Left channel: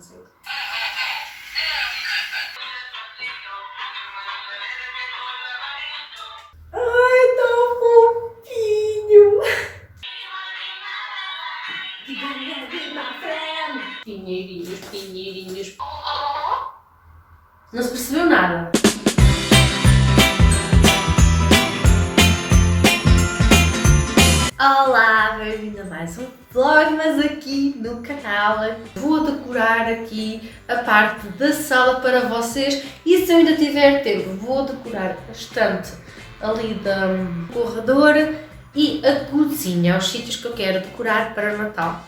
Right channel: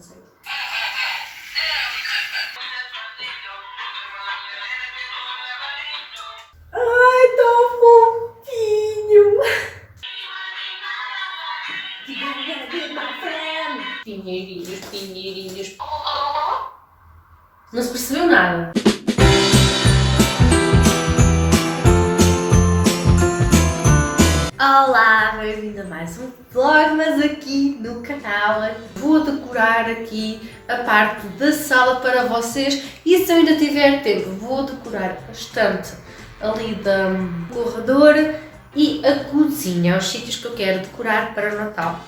Ai, tão fofinho! Pinheirinhos, pinheirinhos. Não se percebeu nada. Olá, bem-vindo a mais um vlog, mas aqui no canal. Vou decorar aqui a parte da sala para vocês e se eu ainda tiver tempo vou decorar bastante ali do corredor e a cozinha, os sítios que eu quero decorar para o Natal.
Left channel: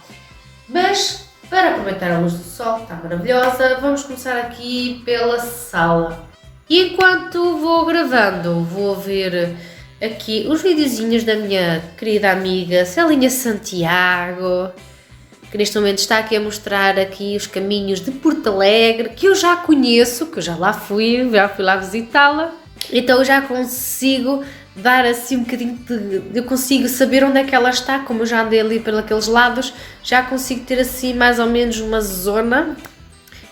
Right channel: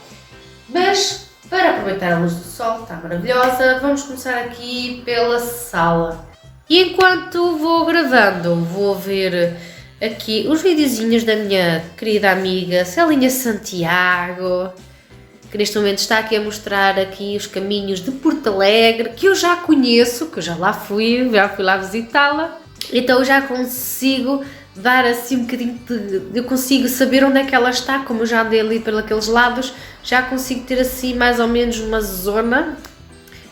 Mas para aproveitar a luz do sol, que está maravilhosa, vamos começar aqui pela sala. E enquanto vou gravando, vou ver aqui os videozinhos da minha querida amiga Celinha Santiago, que neste momento está aqui a mostrar aqui os caminhos de Porto Alegre, que eu já conheço, que eu já fui lá visitá-la, então eu já consigo dar assim um bocadinho eu consigo saber onde é que ela está, como eu já andei ali pelos lados, já consigo ter assim mais ou menos uma zona,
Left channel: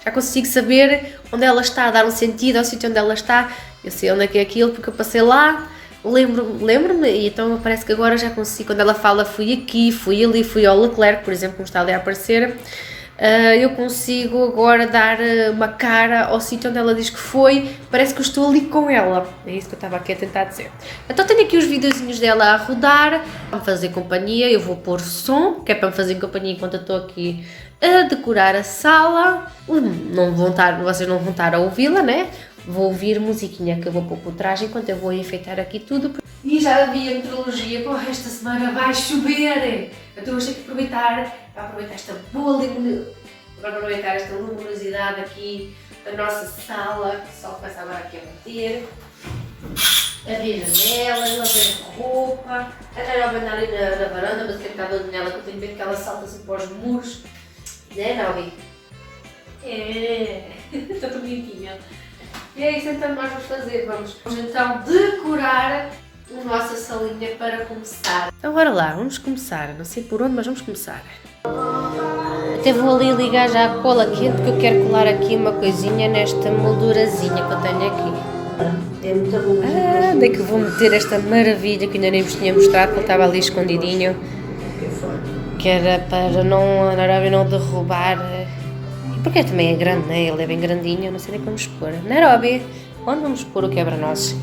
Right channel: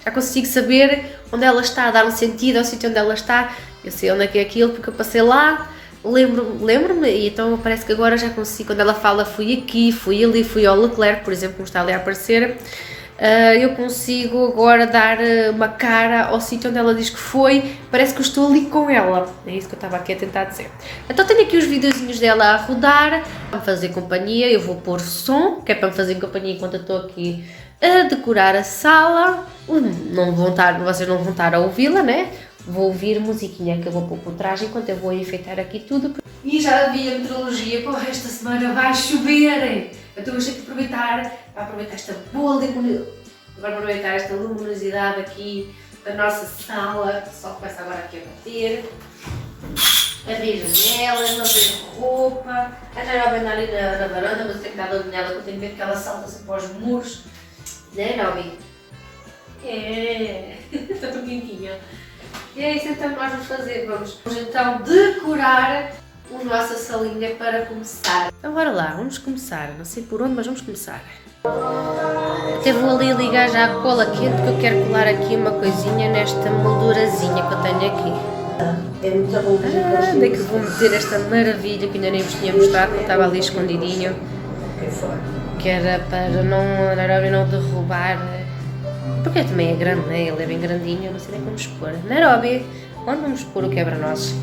já consigo saber onde ela está, dar um sentido ao sítio onde ela está, eu sei onde é que é aquilo porque eu passei lá. Lembro-me, e então parece que agora já consigo, quando ela fala fui aqui, fui ali, fui ao Leclerc, por exemplo, como está ali a aparecer, eu consigo agora dar uma cara ao sítio onde ela diz que foi, parece que eu estou ali com ela, é isso que eu estava aqui a tentar dizer. Então tenho aqui os videozinhos dela a rodar, para me fazer companhia, eu vou pôr som, que é para me fazer companhia enquanto eu estou aqui a decorar a sala, vocês não vão estar a ouvi-la, né? Vou ouvir musiquinha que eu vou pôr por trás enquanto eu vou enfeitar aqui tudo. E já havia meteorologia, pô, esta semana vai chover! Então eu tenho que aproveitar esta boa aproveitar esta luminosidade aqui da nossa sala, que só começa agora aqui a bater. Abrir as janelas, não ver a roupa. A Nairobi anda ali na varanda, mas eu tenho que estar de nela, porque eu tenho medo que ela salta-se para os muros. Né, Nairobi? É, está bonitinha. E é isso então que nós vamos fazer, vamos então decorar a nossa salinha para começar. Então bora lá, vamos começar, não sei por onde, mas vamos começar. Até vou ali ligar já a cola quente porque eu quero colar aqui uma coisinha nesta moldurazinha que eu tenho aqui. Onde é que vou meter esta maravilha que ainda nem vos tinha mostrado, porque estava ali escondidinho, que era para a Nairobi não derrubar. Porque também é grande, né? Ele é bem grandinho, eu não sei nem como expor. Nairobi, onde vamos pôr o quebra-nozes?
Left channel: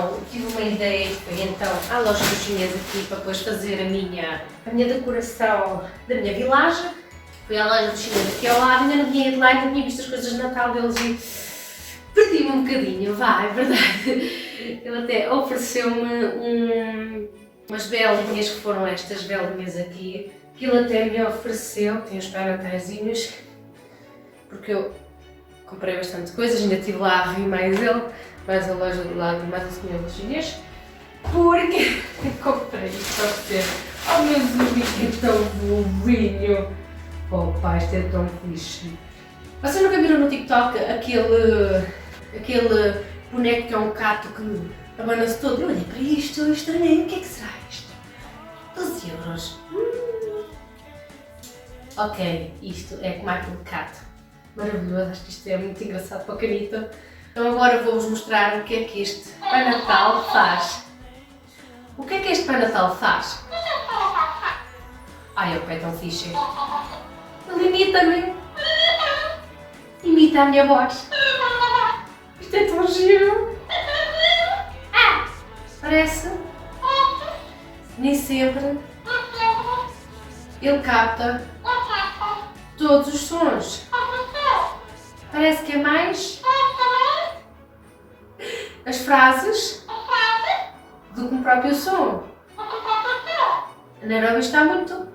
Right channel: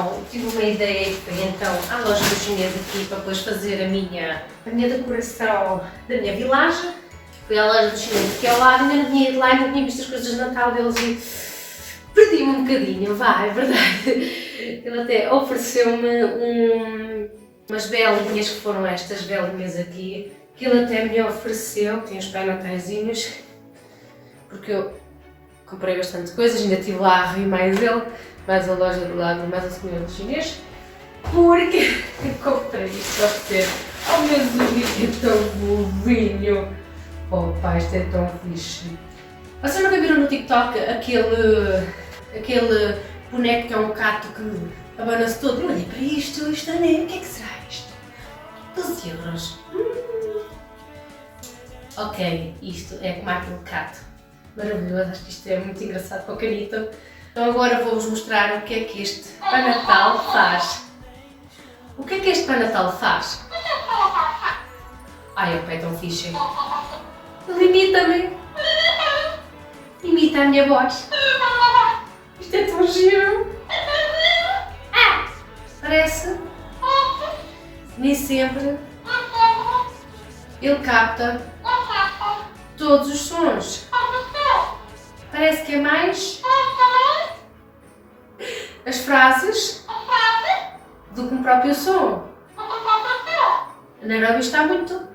então tive uma ideia e fui então à loja dos chineses aqui para depois fazer a minha decoração da minha vilagem. Fui à loja dos chineses aqui ao lado, ainda não tinha ido lá e não tinha visto as coisas de Natal deles e perdi-me um bocadinho, vá, é verdade. Ele até ofereceu-me umas velinhas, que foram estas velinhas aqui, que ele até me ofereceu, tem os pés nataizinhos, porque eu comprei bastante coisas, ainda estive lá a rir mais ele, mais a loja do lado, mais a senhora do chinês, porque comprei isto a ser, oh meu Deus, que é tão bobinho, oh pá, isto é tão fixe. Vocês nunca viram no TikTok aquele boneco que é um gato que abana-se todo? Eu olhei para isto nem, o que é que será isto? 12 euros. Ok, isto é como aquele gato. Maravilhoso, acho que isto é muito engraçado para o canito. Então agora vou-vos mostrar o que é que este Pai Natal faz. O que é que este Pai Natal faz? Ai, ok, tão fixe. Ele imita-me. Imita a minha voz. Isto é tão giro. Parece. Nem sempre ele capta todos os sons. Parece que é mais as frases do que o próprio som. A Nairobi está muito.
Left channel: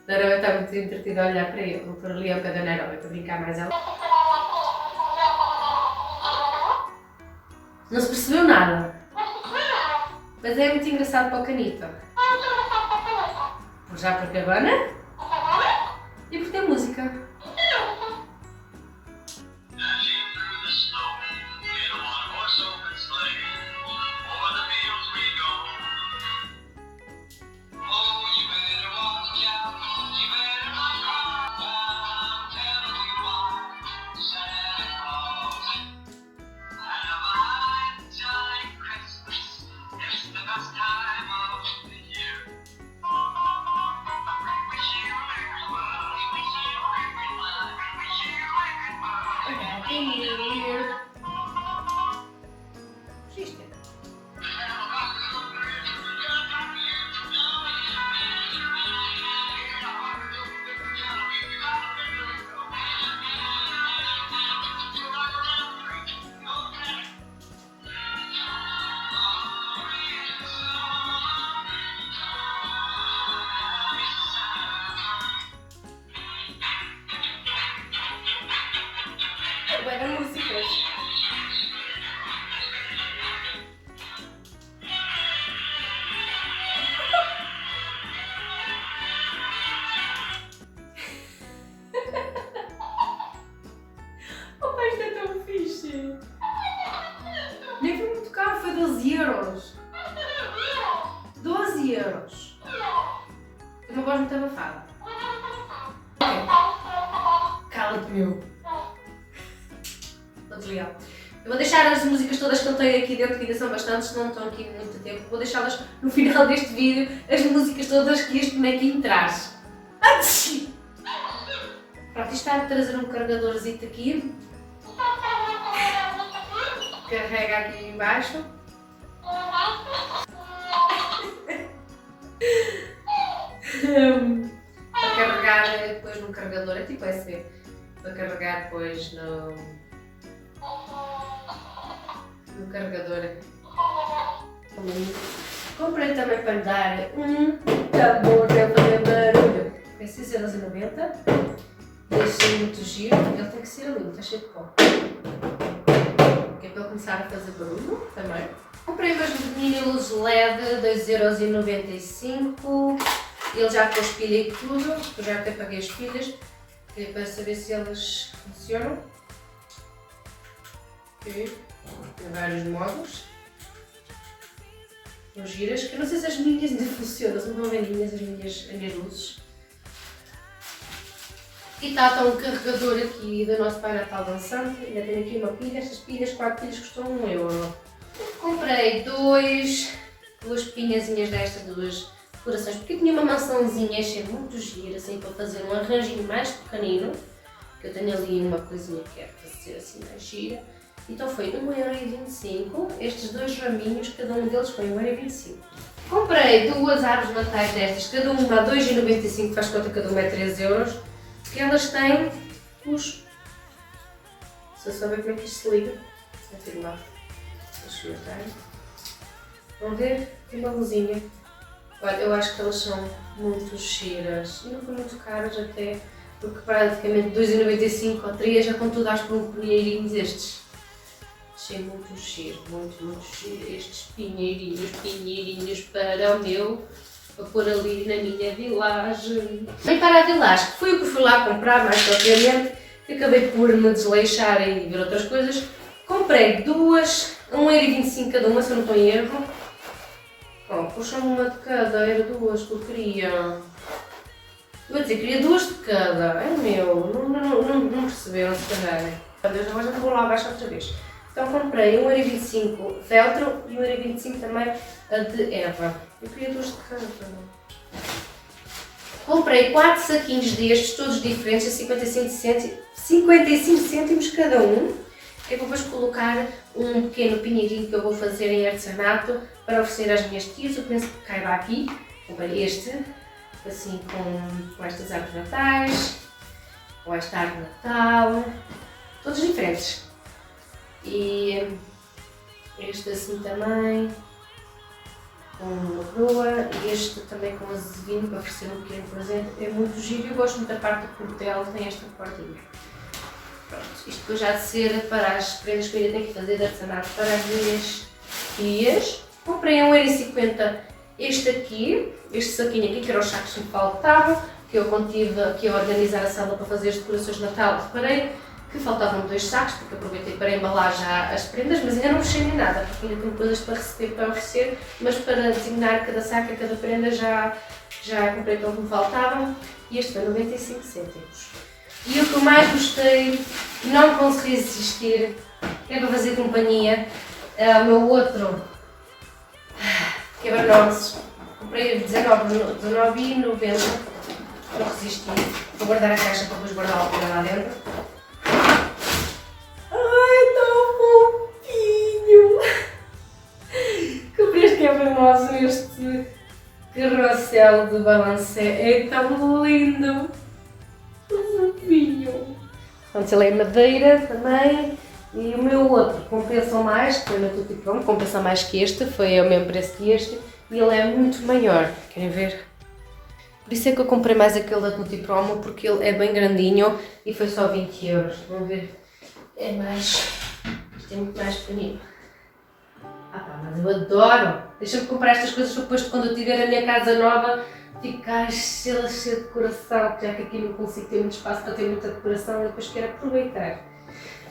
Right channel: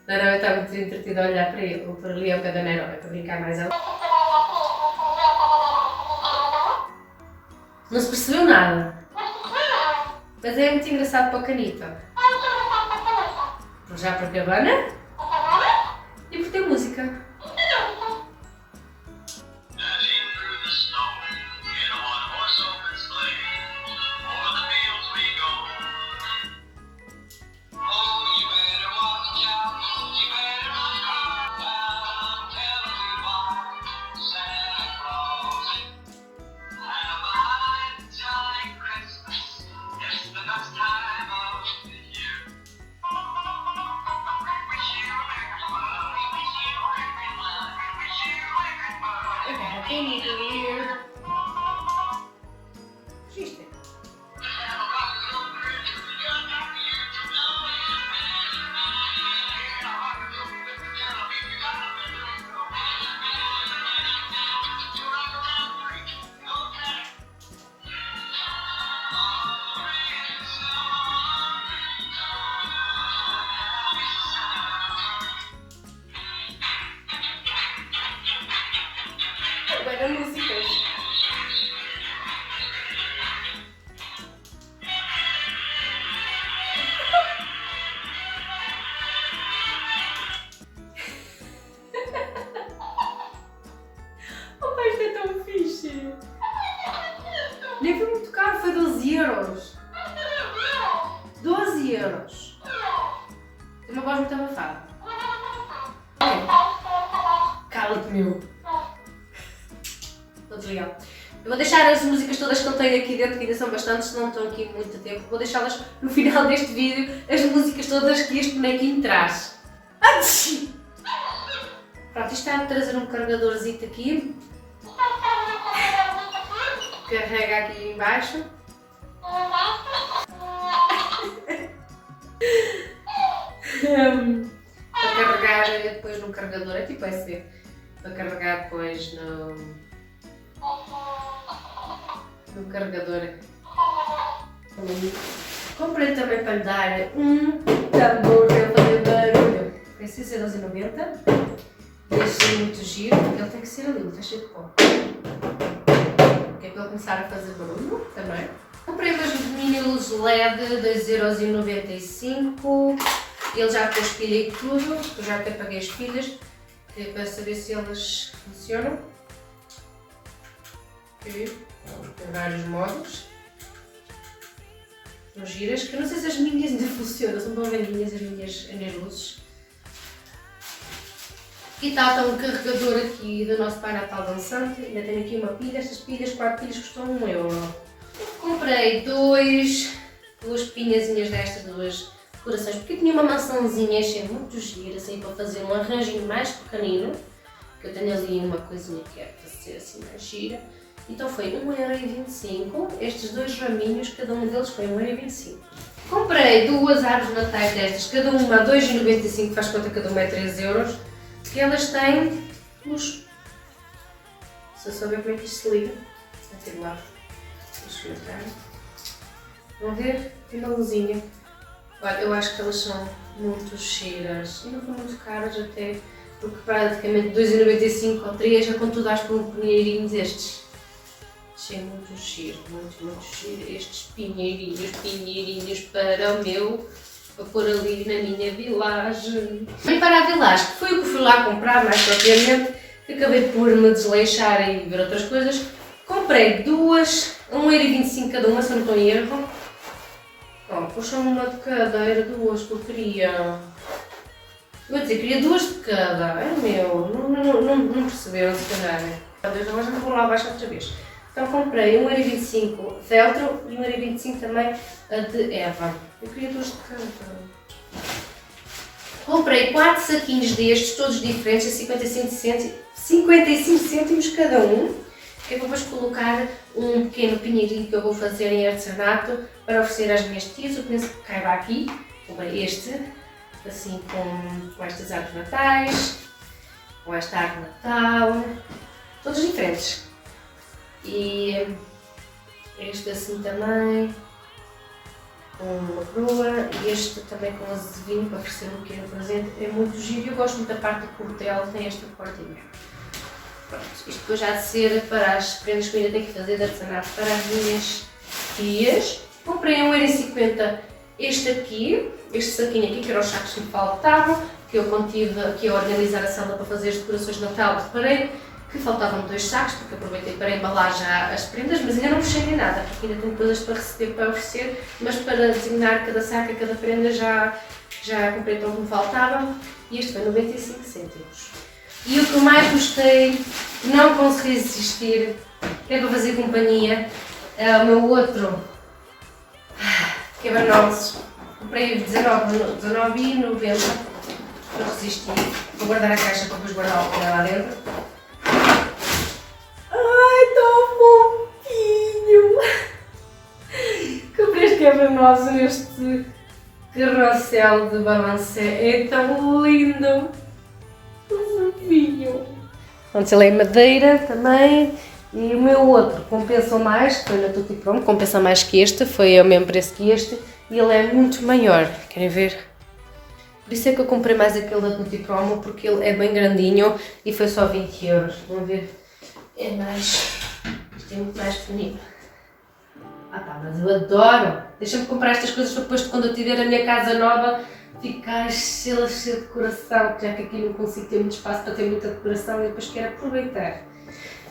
A Nairobi está muito entretida a olhar para ele. Vou pôr ali ao pé da Nairobi para brincar mais alto. Não se percebeu nada. Mas é muito engraçado para o canito. Já por cabana e por ter música. Bué de músicas. Oh, isto é tão fixe. Nem foi muito caro, foi 12 euros. 12 euros. Tem uma voz muito abafada. Cala-te, meu. Eu vou deixar as músicas todas que eu tenho aqui dentro, que ainda são bastantes, não estão aqui muito tempo. Vou deixá-las no final deste vídeo, as músicas todas que este bonequinho traz. Pronto, isto está a trazer um carregadorzito aqui. Carrega aqui em baixo. Para carregar depois no carregador, é tipo USB. Para carregar depois no carregador. Comprei também para lhe dar um tambor para ele fazer barulho. É 6,90€. Deixei muito giro. Ele tem que ser lindo, está cheio de pó. Que é para ele começar a fazer barulho também. Comprei umas mini luzes LED, 2,95€. Ele já tem pilha e tudo. Eu já até paguei as pilhas para saber se elas funcionam. Tem vários modos. São giras, que eu não sei se as minhas ainda funcionam, não estão vendinhas as minhas luzes. E está um carregador aqui do nosso Pai Natal dançante. Ainda tenho aqui uma pilha, estas pilhas, 4 pilhas custam 1€. Comprei duas pinhazinhas destas, duas decorações, porque eu tinha uma maçãzinha achei muito gira, assim, para fazer um arranjinho mais pequenino, que eu tenho ali uma coisinha que é para ser assim mais gira. Então foi 1,25€, estes dois raminhos, cada um deles foi 1,25€. Comprei duas árvores de natais destas, cada uma a 2,95€, faz conta que cada uma é 3€, que elas têm os... Se eu souber como é que isto se liga, vai ter lá os comentários. Vão ver? Tem uma luzinha. Olha, eu acho que elas são muito giras e não são muito caras até, porque praticamente 2,95€ ou 3€ já com tudo acho que um pinheirinhos estes. Achei muito giro, muito giro estes pinheirinhos para o meu, para pôr ali na minha vilagem. E para a vilagem, que foi o que fui lá comprar mais propriamente, que acabei por me desleixar e ver outras coisas. Comprei duas, 1,25€ cada uma, se eu não estou em erro. Oh, puxa-me uma de cada, era duas que eu queria. Vou dizer, queria duas de cada, era meu, não perceberam se calhar. Agora já vou lá abaixo outra vez. Então comprei 1,25€ feltro e 1,25€ também a de erva. Eu queria duas de cada. Comprei 4 saquinhos destes, todos diferentes, a 55 cêntimos cada um. Que eu vou depois colocar um pequeno pinheirinho que eu vou fazer em artesanato para oferecer às minhas tias. Eu penso que caiba aqui. Comprei este, assim com estas árvores de natais, com esta árvore de Natal, todos diferentes. E este assim também, com uma coroa, e este também com azevinho para oferecer um pequeno presente. É muito giro, eu gosto muito da parte do cordel, tem esta cordinha. Pronto, isto depois já de ser para as prendas que eu ainda tenho que fazer de artesanato para as minhas tias. Comprei 1,50€ este aqui, este saquinho aqui, que eram os sacos que me faltavam, que eu quando tive aqui a organizar a sala para fazer as decorações de Natal, reparei que faltavam 2 sacos, porque aproveitei para embalar já as prendas, mas ainda não fechei nem nada, porque ainda tenho coisas para receber, para oferecer, mas para designar cada saco e cada prenda já comprei tudo o que me faltava, e este foi 95 cêntimos. E o que eu mais gostei, não consegui resistir, é para fazer companhia, é o meu outro quebra-nozes. Comprei os 19,90€, não resisti. Vou guardar a caixa para depois guardar o que lá dentro. Ai, tão fofinho! Comprei este quebra-nozes, este carrossel de balancé, é tão lindo! Pronto, ele é madeira também, e o meu outro compensou mais, que foi na Tutti Pronto, compensa mais que este, foi ao mesmo preço que este, e ele é muito maior, querem ver? Por isso é que eu comprei mais aquele da Tutti Promo, porque ele é bem grandinho e foi só 20€, vão ver? É mais, isto é muito mais pequenino. Ah pá, mas eu adoro! Deixa-me comprar estas coisas para depois, quando eu tiver a minha casa nova, ficar cheia de decoração, já que aqui não consigo ter muito espaço para ter muita decoração e depois quero aproveitar.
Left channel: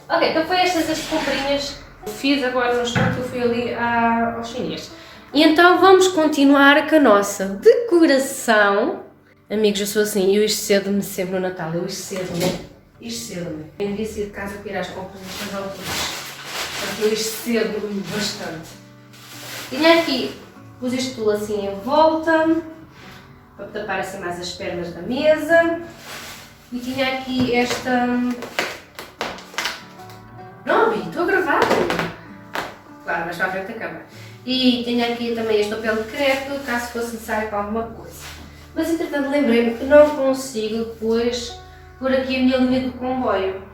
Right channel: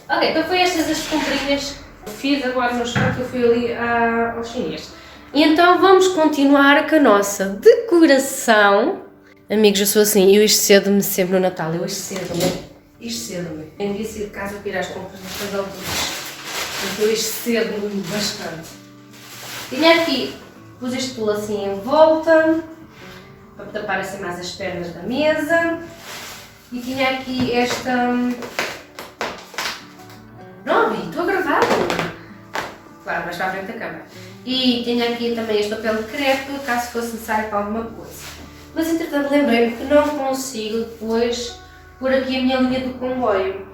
Ok, então foi estas as comprinhas que fiz agora no shopping, que eu fui ali ao chinês. E então vamos continuar com a nossa decoração. Amigos, eu sou assim, eu excedo-me sempre no Natal, eu excedo-me. Eu devia sair de casa para ir às compras nestas alturas, porque eu excedo-me bastante. Tinha aqui, pus este tulo assim em volta, para tapar assim mais as pernas da mesa, e tinha aqui esta... Não, estou a gravar! Claro, mas para a frente da câmera. E tinha aqui também este papel de crepe, caso fosse necessário para alguma coisa. Mas entretanto lembrei-me que não consigo depois pôr aqui a minha linha do comboio.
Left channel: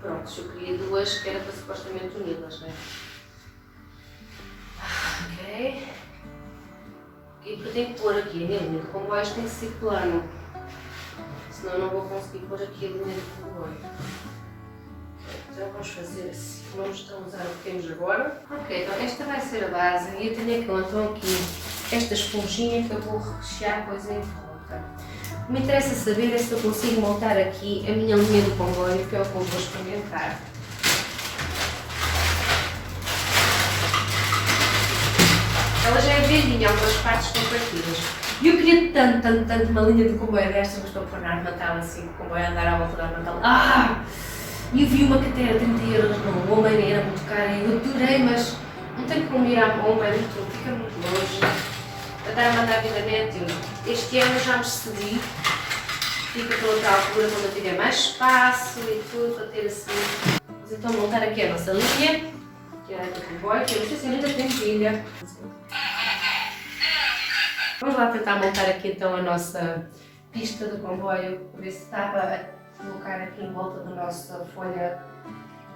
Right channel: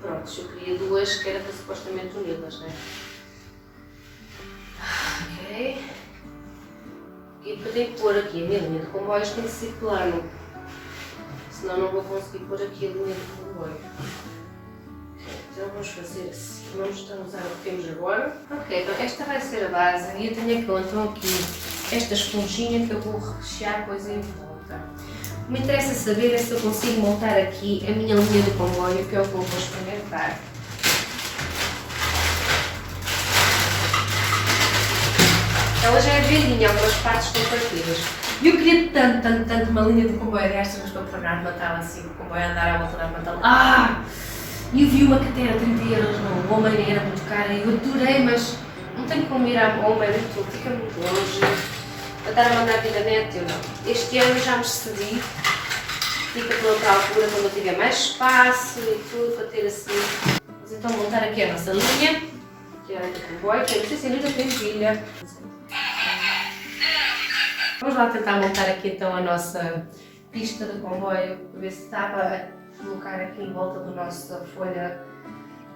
Pronto, eu queria duas que era para supostamente uni-las, não é? Ok. E porque eu tenho que pôr aqui a minha linha de comboios, tem que ser plano, senão não vou conseguir pôr aqui a linha de comboio. Então vamos fazer assim, vamos usar o que temos agora. Ok, então esta vai ser a base e eu tenho então aqui esta esponjinha que eu vou rechear coisa em volta. O que me interessa saber é se eu consigo montar aqui a minha linha de comboio, que é o que eu vou experimentar. Ela já é velhinha, algumas partes estão partidas. E eu queria tanto uma linha de comboio. Aliás, eu estou a pôr na Natal assim, o comboio a andar à volta da Natal. E eu vi uma que até era 30€ no Homem, era muito cara. E eu adorei, mas não tenho como ir à Homem, fica muito longe. Eu estar a mandar aqui na net, eu não. Este ano já me cedi, fica para outra altura, quando eu tiver mais espaço e tudo, para ter assim. Vamos então montar aqui a nossa linha, que é a de comboio, que eu não sei se ainda tem pilha. Vamos lá tentar montar aqui então a nossa pista de comboio, para ver se dá para colocar aqui em volta da nossa folha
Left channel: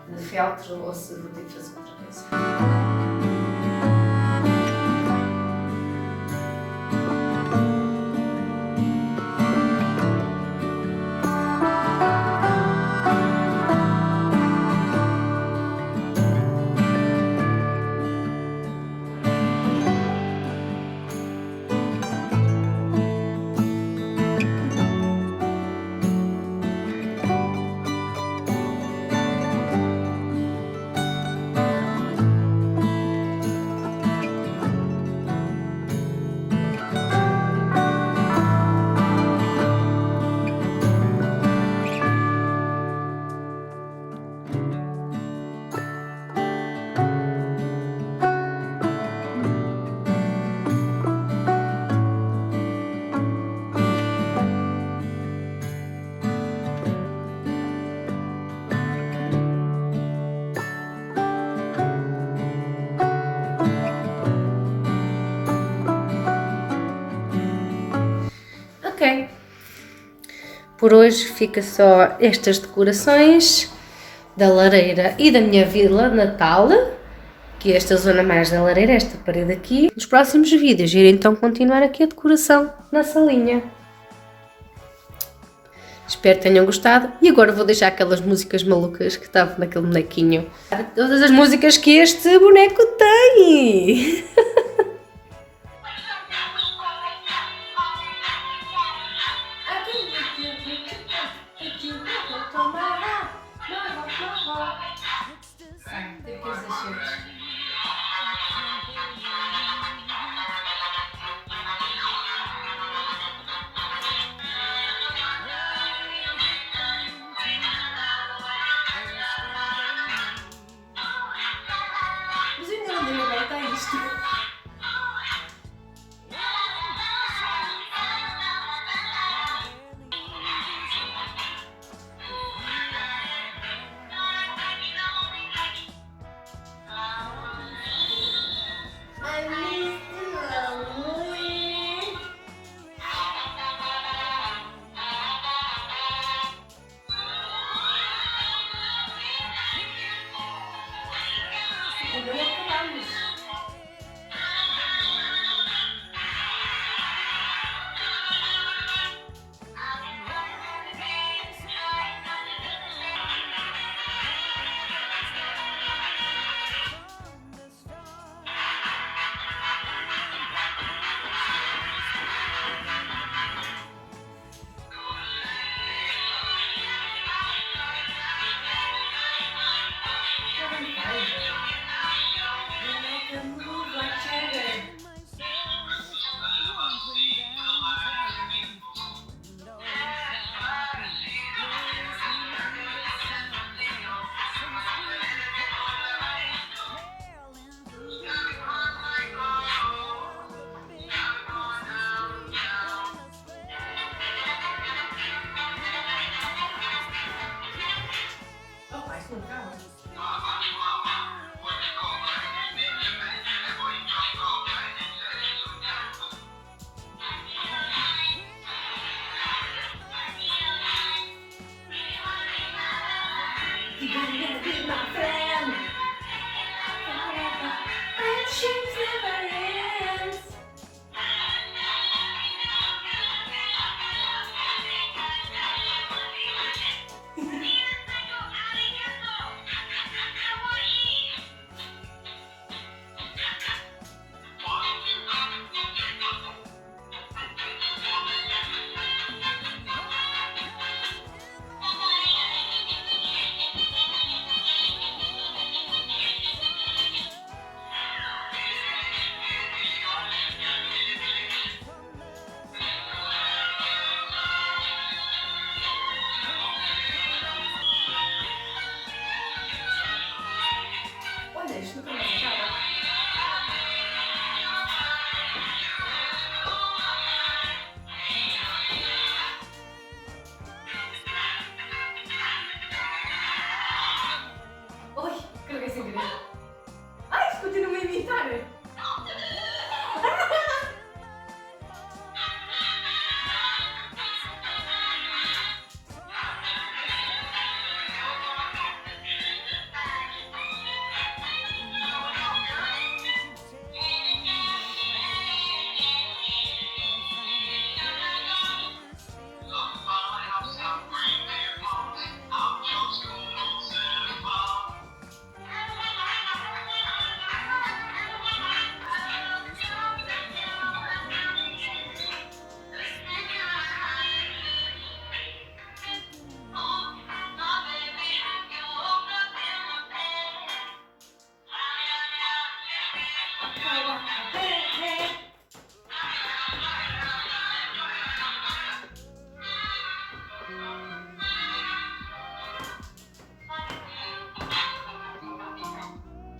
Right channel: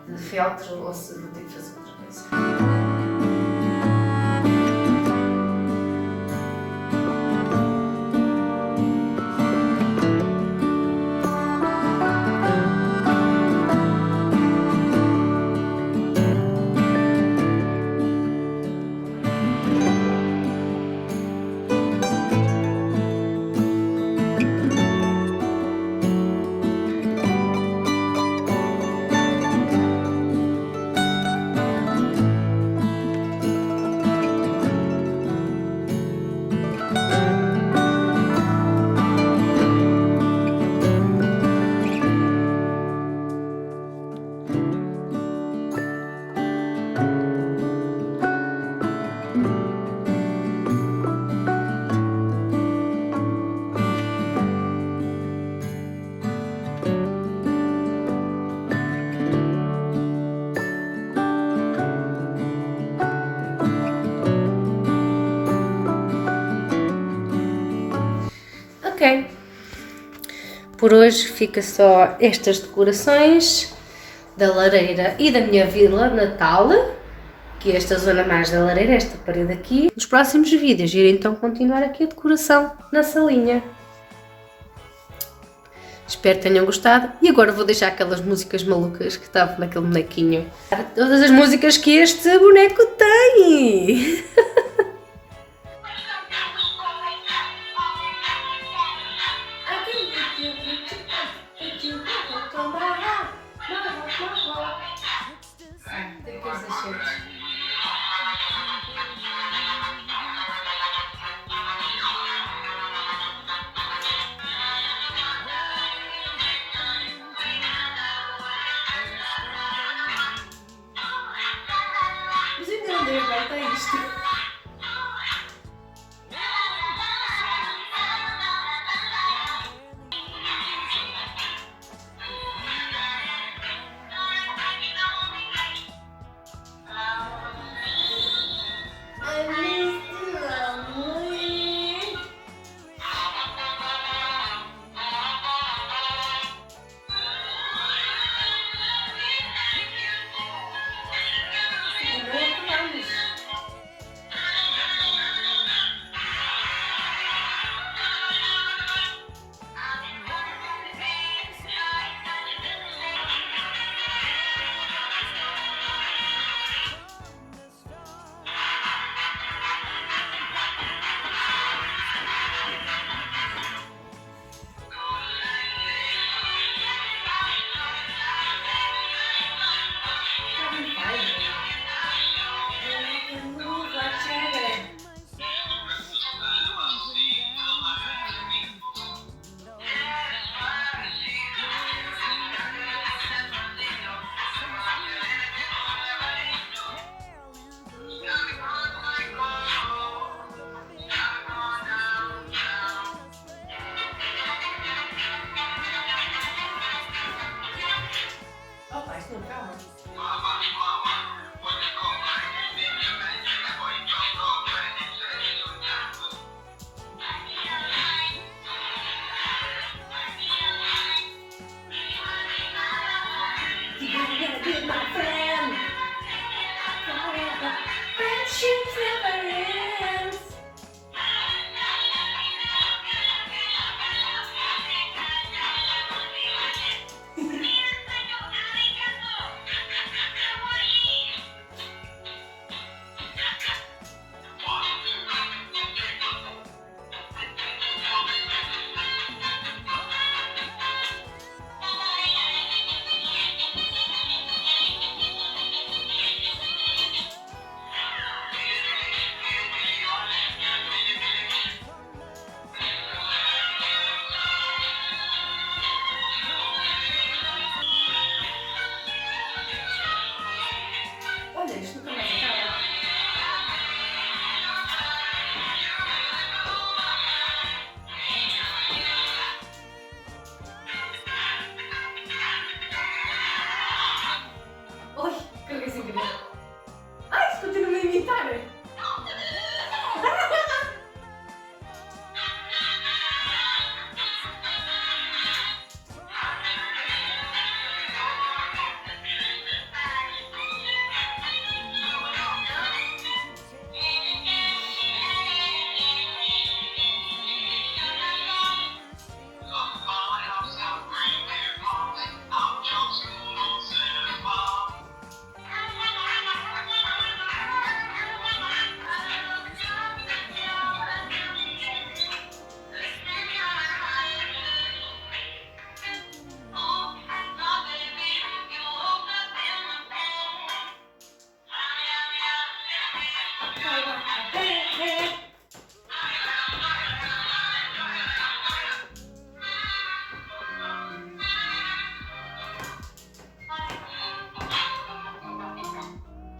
de feltro ou se vou ter que fazer outra coisa. Ok, por hoje fica só estas decorações da lareira e da minha vila natal, que é esta zona mais da lareira, esta parede aqui. Nos próximos vídeos irei então continuar aqui a decoração na salinha. Espero que tenham gostado e agora vou deixar aquelas músicas malucas que estavam naquele bonequinho. Todas as músicas que este boneco tem! Mas ainda não deu volta a isto.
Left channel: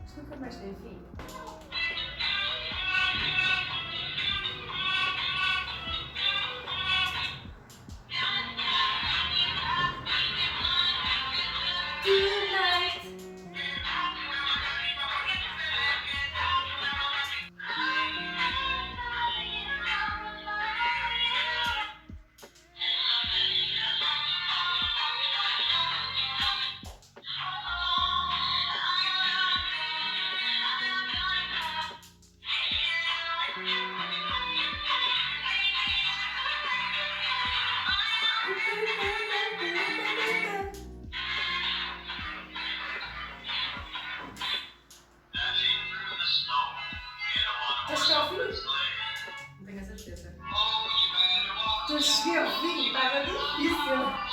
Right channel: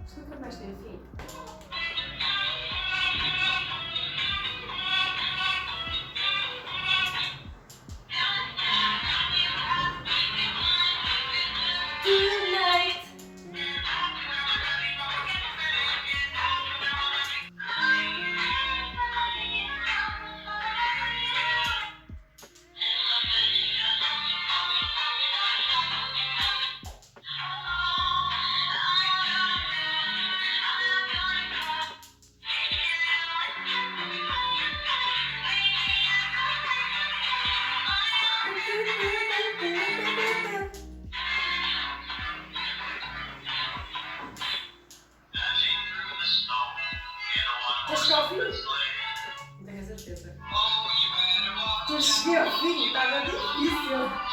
Isto nunca mais tem fim. Tonight. Já cheguei ao fim? Não tenho a certeza. Já cheguei ao fim, estava difícil.